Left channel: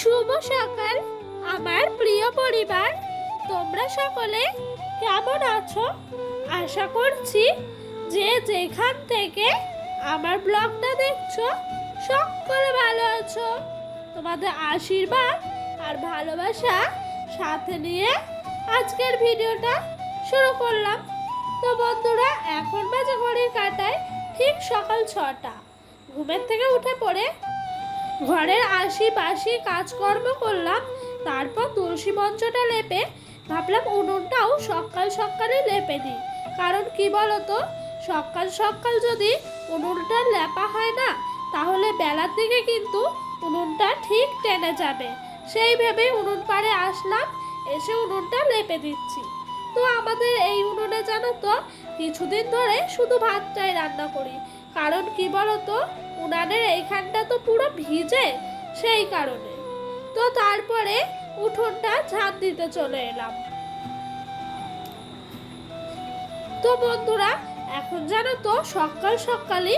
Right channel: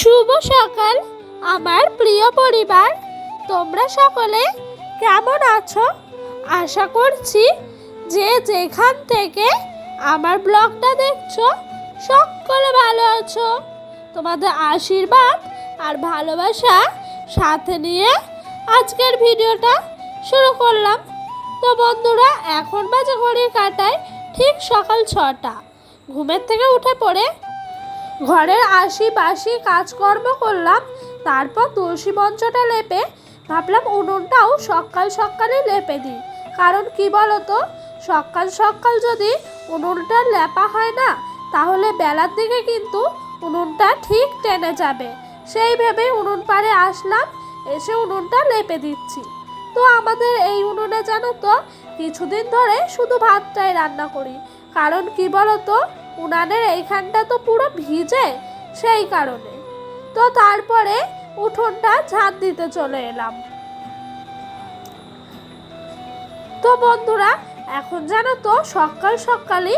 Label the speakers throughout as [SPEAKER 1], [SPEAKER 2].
[SPEAKER 1] শুভ সকাল, আমার প্রিয় পরিবার। তোমরা সকলে কেমন আছো? আশা করছি যে যেখান থেকে আমার ব্লগটা দেখছ, সকলে ভালো আছো। তোমাদের আশীর্বাদ আর ভালোবাসা সাথে নিয়ে আজকের ভিডিওটা শুরু করলাম। তো বন্ধুরা, এখন বাজে ঘড়ির কাটায় ঠিক সকাল ছটা। ঘুমের থেকে উঠে পড়ে ঘরের আশিপাশি কাজকর্ম করলাম, তারপর তুলসী মঞ্চটা লেপে ভাবলাম উনুনটাও সকাল সকালে লেপে দিই। কারণ কি বলতো, সকাল সকাল যদি উনুনটা লেপা হয় না, তাহলে বেলার দিকে কিন্তু উনুনটা ঠিক টেনে যাবে। সেই ভেবেই উনুন পাড়ে আসলাম, এসে উনুনটা লেপে দিচ্ছি। তো আমাদের এই উনুনে জানো তো, কিছুদিন ধরে শুধু ভাতটাই রান্না করি। কারণ কি বলতো উনানের এইখানটা তো পুরো ভিজে, সেই কারণে। তো তারপরে উঠোনটা ঝাঁট দিতে চলে এলাম। তো বন্ধুরা, এখন জানো তো, সকাল সকালই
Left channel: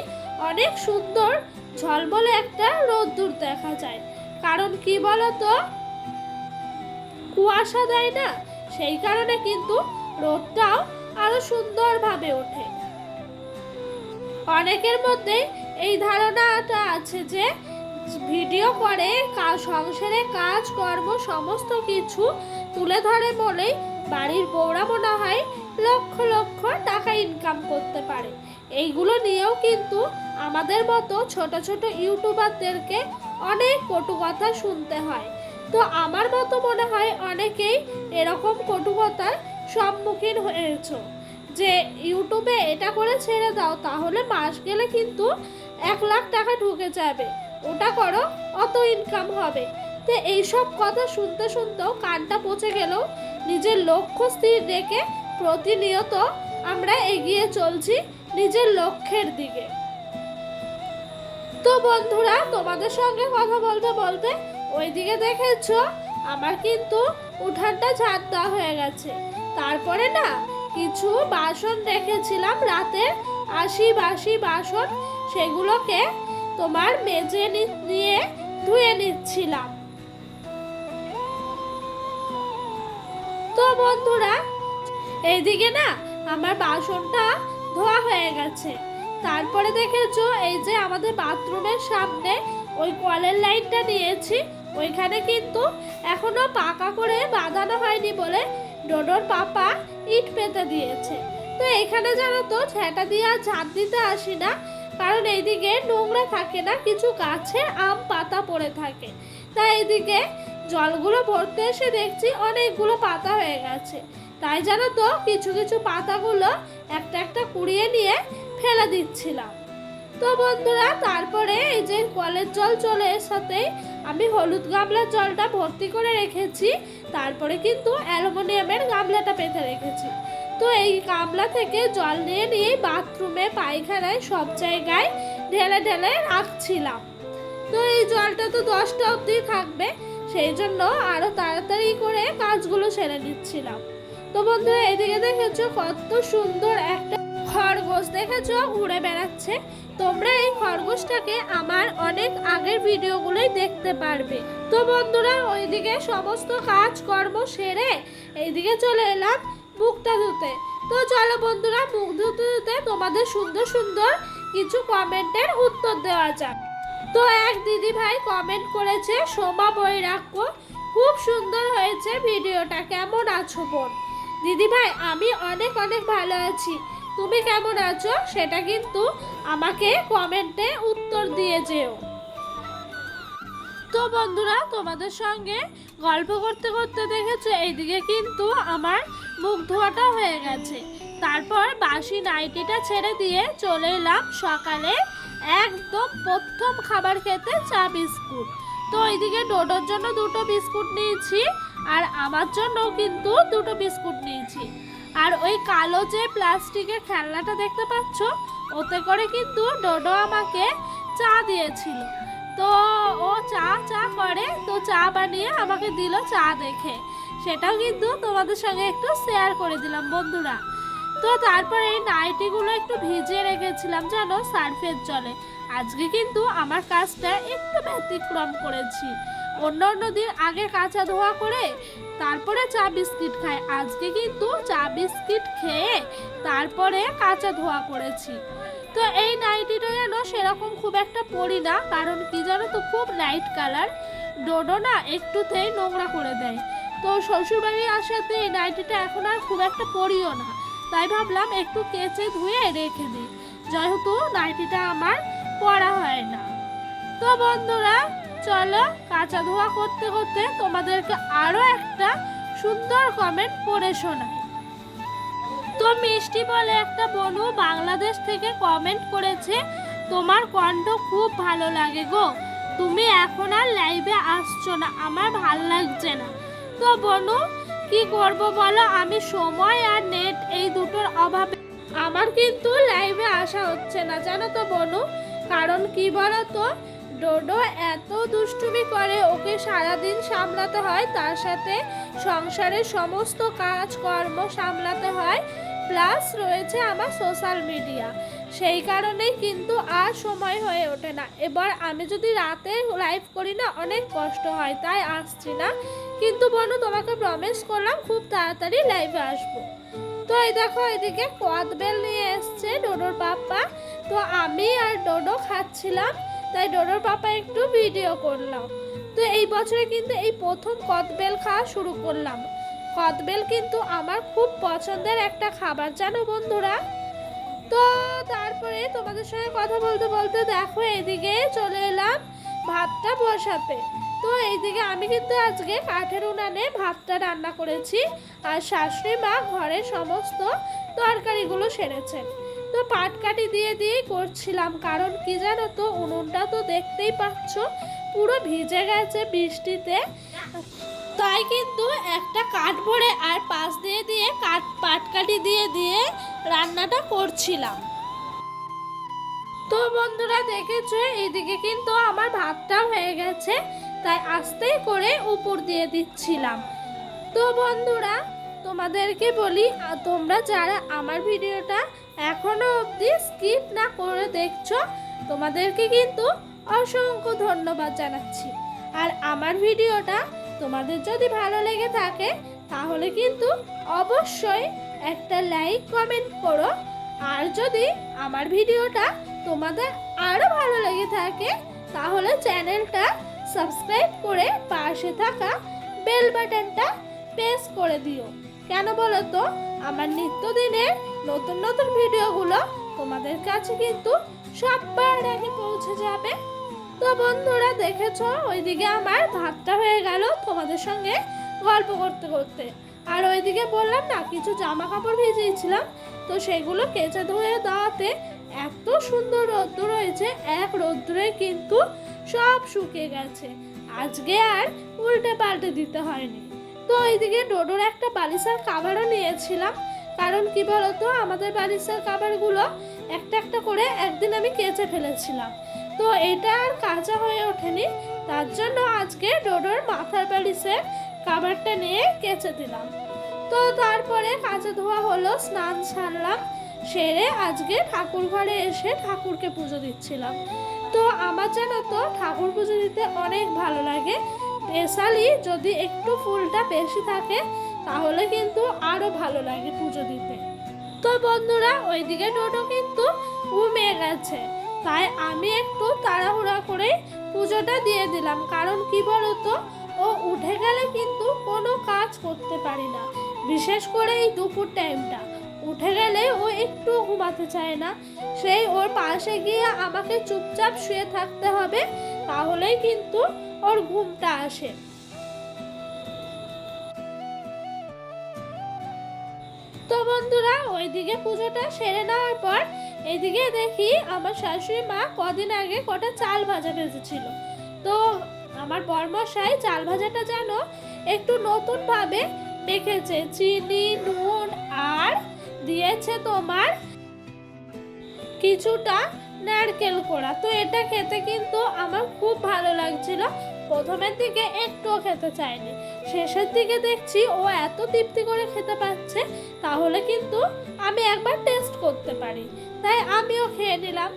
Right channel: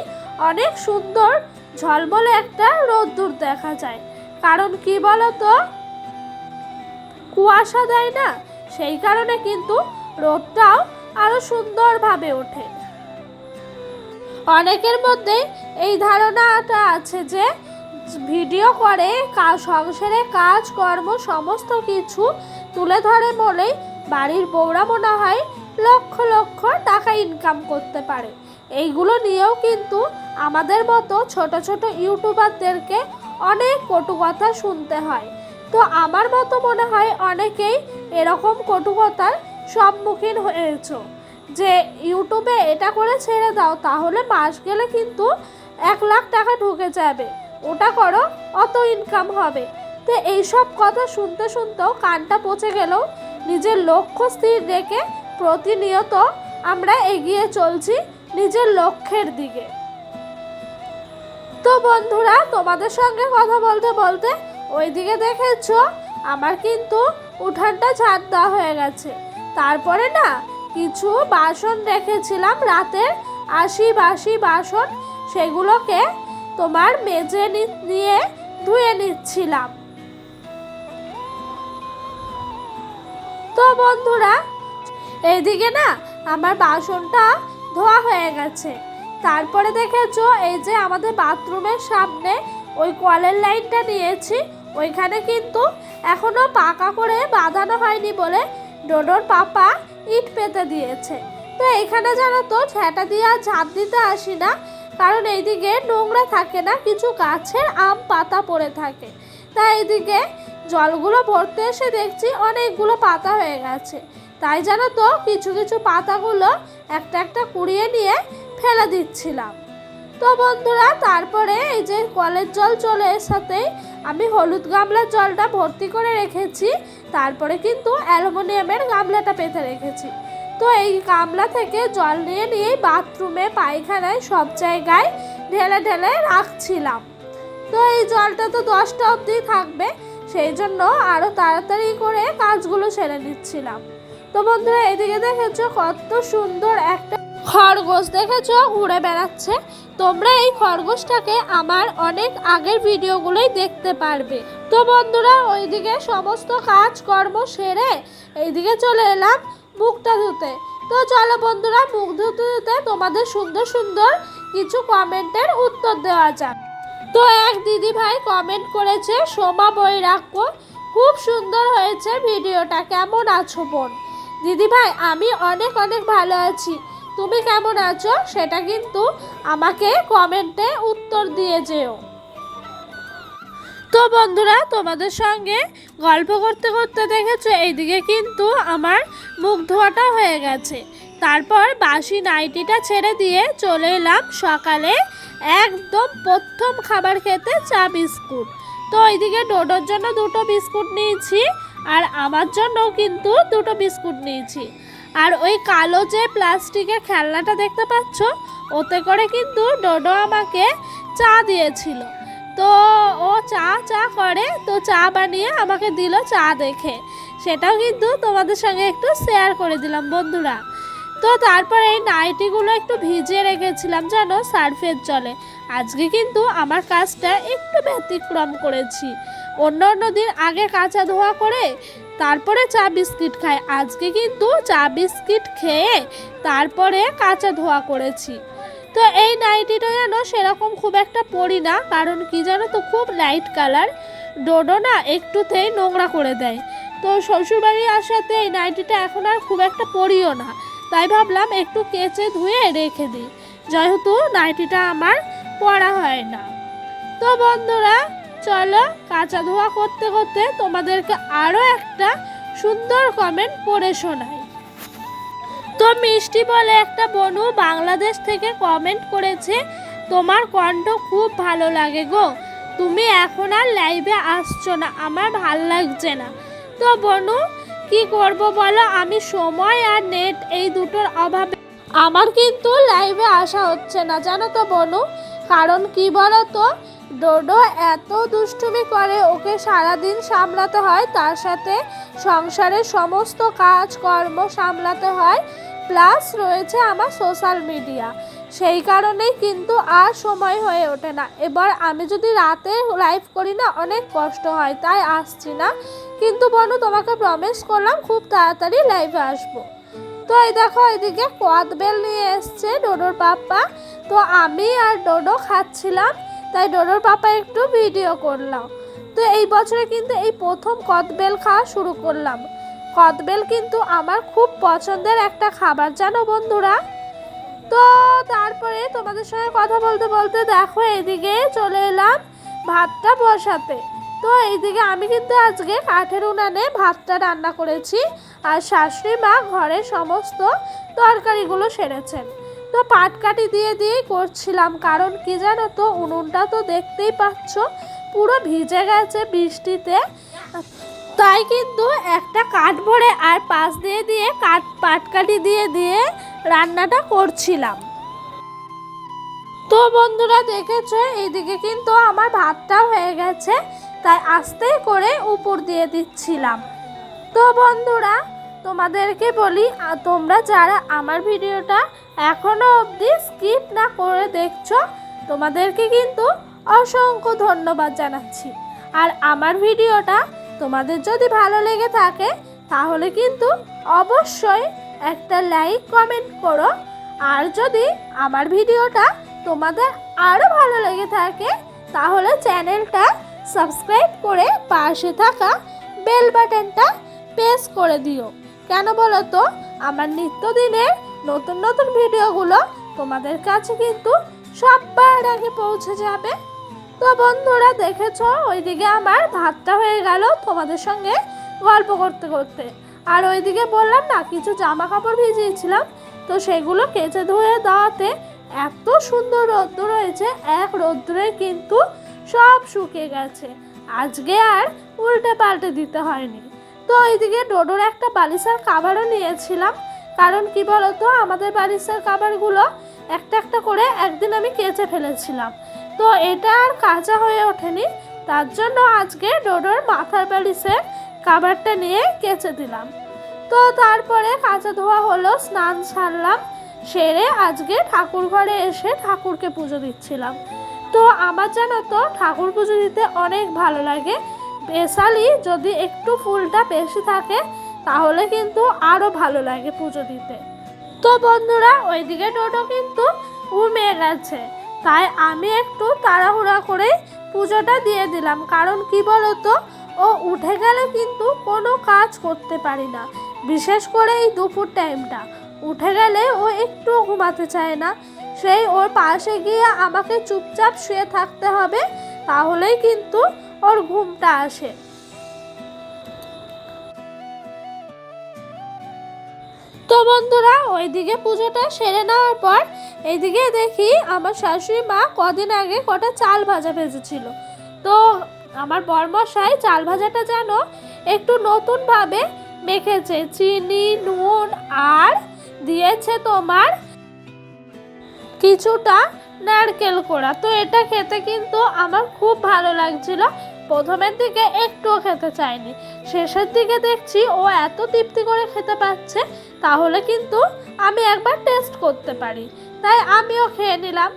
[SPEAKER 1] অনেক সুন্দর ঝলমলে একটা রোদ্দুর দেখা যায়। কারণ কি বলতো? কুয়াশা দেয় না, সেই কারণে কিন্তু রোদটাও আরও সুন্দরভাবে ওঠে। অনেকের মধ্যে এই ধারণাটা আছে যে ভিডিও করে সংসারে কাজ, কর্ম, সমস্ত কিছু তুলে ধরে বলেই বাড়ির বউরা মনে হয় লক্ষ লক্ষ টাকা ইনকাম করতে পারে। এইগুলো নিয়েও কিন্তু আমাদের মতো ছোট ছোট ইউটিউবারদেরকে অনেক কটু কথা শুনতে হয়। তো আমার মতো মনে হয় অনেকেই এরকম কটু কথার সম্মুখীন হয়েছো। যে ইউটিউবে এটা করে ছেড়ে দাও, তাহলে মাস গেলে কিন্তু এক লাখ টাকা ঢুকে যাবে। ওটা করো, অত ইনকাম হবে। তো এইসব কথা শুনতে শুনতেও কানটা পচে গেলেও নিজের লক্ষ্য স্থির রেখে প্রতিনিয়ত আমরা এগিয়ে চলছি নিজের লক্ষ্যের দিকে। তো বন্ধুরা, তোমাদের সঙ্গে কথা বলতে বলতে ওইদিকে দেখেছ, আমার কিন্তু উঠানটা ঝাড় দেওয়া হয়ে গেছে। তারপরে না কিছু বাসন রেখেছিলাম রাতে, আশি বাসি বাসন, সেগুলোকে তোমার মেজে নিয়ে ধুয়ে নিচ্ছিলাম। তো বন্ধুরা, এইদিকে না আমার বাসনটা ধোয়া হয়ে গেছে। তারপরে দেখেছ, এই যে আমাদের বাথরুমের সামনে ওই কলের লাইনটা নিয়েছি, ওইখানে কিন্তু এখনও পাকা করে বাঁধানো হয়নি বলে ডোডোর পাপা ইট পেতে দিয়েছে। তো এখানে জানো তো ঝ্যাঁটা দিয়ে আর ঝাঁট দিতে আসি না, কারণ এইদিকে নোংরা থাকে না, কিছু গাছের আম পাতা পড়ে থাকে। তাই এইদিকে জলগুলো ভরতে এসে দেখছি অনেকগুলো পাতা হয়ে গেছে। তাই জানো তো, কিছু কিছু পাতাগুলো একটা একটা কুড়িয়ে নিয়ে ফেলে দিচ্ছিলাম। তো বন্ধুরা, তারপরে এই যে কলের জল চলে সাথেই আমি হলুদ গামলার জলটা ভর্তি করে রেখেছি, তারপরে কিন্তু অ্যালুমিনিয়ামের গামলাটা পেতে রেখেছি। তো এই গামলা থেকে জল নিয়ে নিয়ে বাথরুমে, পায়খানায় সব জায়গায় ঢেলে ঢেলে রাখছিলাম। তো এই জলটা তো দশটা অবধি থাকবে, সেই জন্য আরও তাড়াতাড়ি করে কাজগুলো সেরে নিচ্ছিলাম। তো বন্ধুরা, এদিকে দেখেছ কত সুন্দর একটা খরগোশ, দেখেছ? ঘুরে বেড়াচ্ছে। তোমরা এই খরগোশটাকে আমার অনেক আগের ভিডিওগুলোই দেখতে পারবে। তো বন্ধুরা, ওইদিকে সমস্ত কাজ কর্ম সেরে এইদিকে চলে এলাম মুখটা ধুতে। তো চলো বন্ধুরা, মুখ ধুতে ধুতে তোমাদের সুন্দর সুন্দর কিছু কমেন্টের উত্তর দেওয়া যাক। তো এক দিদি ভাই কমেন্ট করেছে, সোমা বৈরাগ্য, খুব সুন্দর হয়েছে ভিডিওটা। কেমন আছো বোন? দিদি ভাই আমি অনেক অনেক ভালো আছি। তুমি কেমন আছো? সেটা কিন্তু আমাকে কমেন্টে উত্তর দিয়ে যেও। তো বন্ধুরা, তোমাদের সঙ্গে গল্প করতে করতে দেখেছ, এইদিকে কিন্তু আমার মুখ ধোয়াটা হয়ে গেছে। তারপর বাসি নাইটিটা ছেড়ে দিয়ে চলে এলাম সকালে একদম প্রথম খাবার খেতে চা বিস্কুট। তো এইদিকে ডোডোর জন্য দুটো বিস্কুট নিয়েছি, আর আমার জন্য কিন্তু দুটো বিস্কুট নিয়েছি। আর ওই কালো যে প্লাস্টিকের খেলনাটা দেখতে পাচ্ছ, ওতে করে কিন্তু ডোডো আমাকে চা দিয়েছিল। তো ও চা চা করে, তো চা বানিয়ে আমাকে দিল চা দেখে। সেটাও কিন্তু তোমাদের সঙ্গে একটু শেয়ার করে দিলাম, বন্ধুরা। তো তারপরে এই নাইটিগুলো একটু ভিজিয়ে রেখেছিলাম জানো সার্ফের জলে। আজকে কিন্তু আমার কাজটা একটু ব্যতিক্রম করেছি। অন্য অন্য দিন আগে কাঁচা ধোয়া করে তারপরে চা বিস্কিট খাই। আজকে কিন্তু চা বিস্কিট খেয়ে তারপরে কাঁচা ধোয়া করেছি। তো এই নাইটিটা যেন সেরকম খুব একটা পরি না, কারণ কি জানো তো, খুব লাইট কালার ডোডো না একটুতেই নোংরা করে দেয়। তো শ্বশুরবাড়ি আসাতে এই নাইটিটা এখন আর খুব একটা পরিও না। তাই ভাবলাম একটু কেচে ধুয়ে রেখে দিই। যেহেতু নাইটিটা আমার পরা হয় না। তো বন্ধুরা চলো কাঁচা ধোয়া করতে করতে তোমাদেরকে আরও একটা সুন্দর কমেন্ট পড়ে শোনাই। তো মিষ্টি বলে একটা বনু বাংলাদেশ থেকে কমেন্ট করেছে, তোমার কণ্ঠ খুব ভালো লাগে গো। তুমি এখন আর লাইভে আসছো না, আমার ভালো লাগছে না। তো বনু, কি করব বলো? আমি সময় আর নেট এই দুটোর অভাবে আমার কিন্তু লাইভে আসা হচ্ছে না। জানো তো বনু, কারণ কি বলো তো ডোডো এত দুষ্টুমি করে ওকে সারাদিন সামলাতে হয়, তার সাথে সংসারের সমস্ত কাজ কর্ম সামলাতে হয়, প্লাস রয়েছে আমার সোশ্যাল মিডিয়া। সেই কারণেই কিন্তু আর সময় হয়ে ওঠে না। এবার আমি যদি রাতে লাইভ করি না, অনেক কষ্ট হয়, তাই আসছি না। কিন্তু বনু, তোমাকে প্রমিস করলাম খুব তাড়াতাড়ি লাইভে আসব। তো এই দেখো, এদিকে কদবেল নিয়ে এসছে ডোডোর পাপা তো আমি আর ডোডো খাচ্ছিলাম তাই ডোডোর পাপা একটু ভিডিও করলাম। তো এই বছরে কিন্তু এই প্রথম কদবেল খাওয়া শুরু করলাম। কদবেল কিন্তু আমার খুব পছন্দের একটা খাবার, জানো বন্ধুরা? তো তারপরে তোমাদের সঙ্গে কথা বলতে বলতে দেখো, এদিকে চলে এলাম ভাতটা বসাতে। তো এইদিকে আমি কিন্তু আজকে কাঠের উনানে ভাতটা রান্না করেছি, আর শাশুড়ি মা ঘরের সমস্ত তরকারিগুলো সেরেছেন। তো পাটকাঠি দিয়ে দিয়েই করছিলাম, কারণ কি জানো তো, উনুনটা তো দেখতেই পাচ্ছ, পুরো ভিজে গেছে বৃষ্টিতে। তাই কিন্তু একটা কাঠ ভরে আর পাশ দিয়ে দিয়ে কাঠ, পাটকাঠি দিয়ে দিয়ে রান্নাটা করছিলাম। তো বন্ধুরা দেখেছে এইদিকে কিন্তু আমার ভাতটা হয়ে গেছে, তাই আস্তে করে উপর দিয়ে দিচ্ছিলাম। তো বন্ধুরা, তোমাদেরকে বলি তোমরা যারা আমার ভিডিওটা এখনও অবধি স্কিপ না করে দেখছ, তোমাদেরকে কিন্তু অসংখ্য ধন্যবাদ জানাচ্ছি। আর আমার ভিডিওটা তোমাদের যদি ভালো লেগে থাকে, তাহলে কিন্তু অবশ্যই একটা লাইক কমেন্ট করো। আর যদি আমার ভিডিওটা তোমাদের আরও ভালো লেগে থাকে, তাহলে চ্যানেলটা সাবস্ক্রাইব করে পাশে থাকা বেল বাটনটা প্রেস করে দিও। কেন বলো তো? আমার নিত্যদিনের নতুন নতুন ভিডিওগুলো তোমাদের কাছে কিন্তু সবার আগে পৌঁছে যাবে। তো বন্ধুরা, দেখেছ? ওইদিকে আমার ভাতটা হয়ে গেল তোমাদের সঙ্গে গল্প করতে করতে। আর ওইদিকে বললাম না, কিছু জামা কাপড় ভিজিয়েছিলাম। তো সেগুলো কেচে ধুয়ে দেওয়াতে এত সুন্দর রৌদ্র রয়েছে, এক রৌদ্রে কিন্তু সব শুকিয়ে গেছে। আজকে আর উল্টে পাল্টে দিতে হয়নি। তো ওইদিকে ডোডোর একটা বালিশের কাভারও নিয়েছিলাম। কারণ কি বলতো? আমাদের বাড়ির বালিশের খাবারগুলো একটা একটা করে একদিন আমি কেচে ফেলেছিলাম। তো এটা আর কাঁচা হয়ে ওঠেনি। তার জন্য আজকে ডোডোর মাথার বালিশের কাভারটা নিয়ে কেচে দিলাম। তো তারপরে কাঁচা ধোয়া হলো, স্নান সারলাম, সেরে আজকে ঠাকুর ঘরে এসে ঠাকুরকে পুজো দিচ্ছিলাম। তো আমার জানো তো ঠাকুর পুজো দিতে অনেক ভালো লাগে। স্পেশালি যদি একটু ফুলটা বেশি থাকে তাহলে কিন্তু আরও ভালো লাগে পুজো দিতে। তো বন্ধুরা, ওইদিকে টোটো কিন্তু ঘুমিয়ে গেছে। তাই আমি একটু তাড়াহুড়া করে পুজোটা দিয়ে দিলাম। কারণ কি বলতো, ও উঠে গেলে কিন্তু কোনো কাজ করতে পারি না। বিশেষ করে এই দুপুর টাইমটা উঠে গেলে ও একটু ঘুমাতে চায় না। সেই ওর পাশে গিয়ে আমাকে চুপচাপ শুয়ে থাকতে হবে, তাহলেই কিন্তু ওর ঘুমটা আসে। তো বন্ধুরা, ওইদিকে পুজোটা সেরে নেওয়ার পর এইদিকে দেখি আমার শাশুড়ি মা কদিন আগে কটা চাল ভাজা ভেজেছিল। তো আমার বরমশাই চাল ভাজাটা যেন একটু নতুনভাবে মেখেছে, চিনি, নুন, আর দিয়েছে তোমার কিছুটা নারকেল কোড়া। তো এটা খেতে কিন্তু আমার খুব ভালো লাগছিল। প্রথমের দিকে একটুও খেতে চাইনি। শেষের দিকে দেখছি ও এত তৃপ্তি করে খেতে পাচ্ছে, তাহলে কিন্তু আমি একবার টেস্ট করতে পারি। তাই আমিও খেয়ে নিলাম।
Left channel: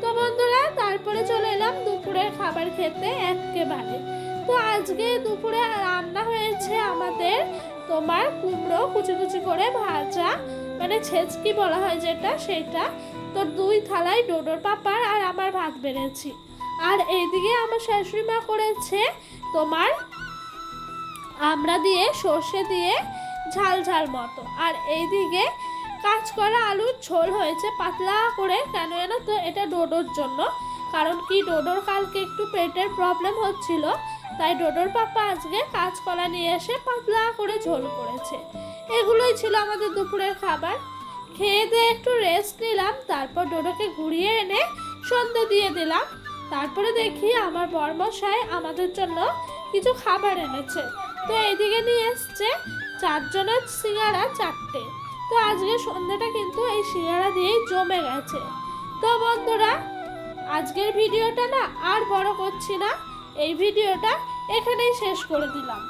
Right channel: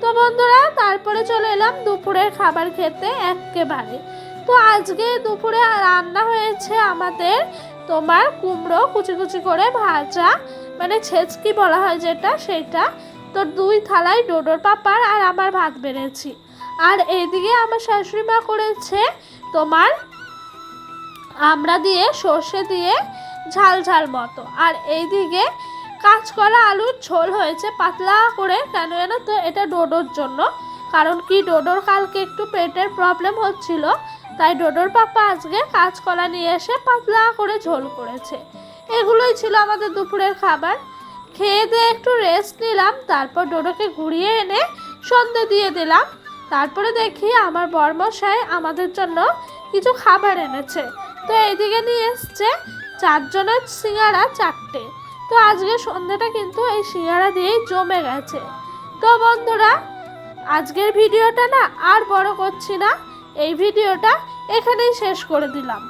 [SPEAKER 1] তো বন্ধুরা, তারপরে চলে এলাম দুপুরের খাবার খেতে একেবারে তো আজকে দুপুরে রান্না হয়েছে আমাদের তোমার কুমড়ো কুচি কুচি করে ভাজা মানে ছেচকি বলা হয় যেটা সেটা তো দুই থালায় ডোডোর পাপার আর আমার ভাত বেড়েছি। আর এইদিকে আমার শাশুড়ি মা করেছে তোমার আমরা দিয়ে সর্ষে দিয়ে ঝাল ঝাল মতো। আর এইদিকে কাঁচকলা আলুর ঝোল হয়েছে পাতলা করে, কেন জানো তো? এটা ডোডোর জন্য। কারণ কি, ডোডোর কালকে একটু পেটের প্রবলেম হচ্ছিল, তাই ডোডোর পাপা আজকে কাঁচকলা নিয়ে এসে পাতলা করে ঝোল করেছে। এগুলোই ছিল আমাদের দুপুরের খাবার। খেয়ে দিয়ে একটু রেস্ট নিলাম, তারপর ডোডোকে ঘুরিয়ে এনে সন্ধে দিয়ে দিলাম। তারপরে দেখি আমার বর্মশাই আমাদের জন্য কিছু খাবার এনেছে। তো এইদিকে নিয়ে এসছে চারজনের সিঙ্গারা চারটে। তো আজকে সন্ধ্যাটা কিন্তু এই সিঙ্গারা দিয়েই জমে গেছে। তো বন্ধুরা, আজকের ভিডিওটা না আর বড় করছি না। এই ভিডিওটা এখানেই শেষ করে দিলাম।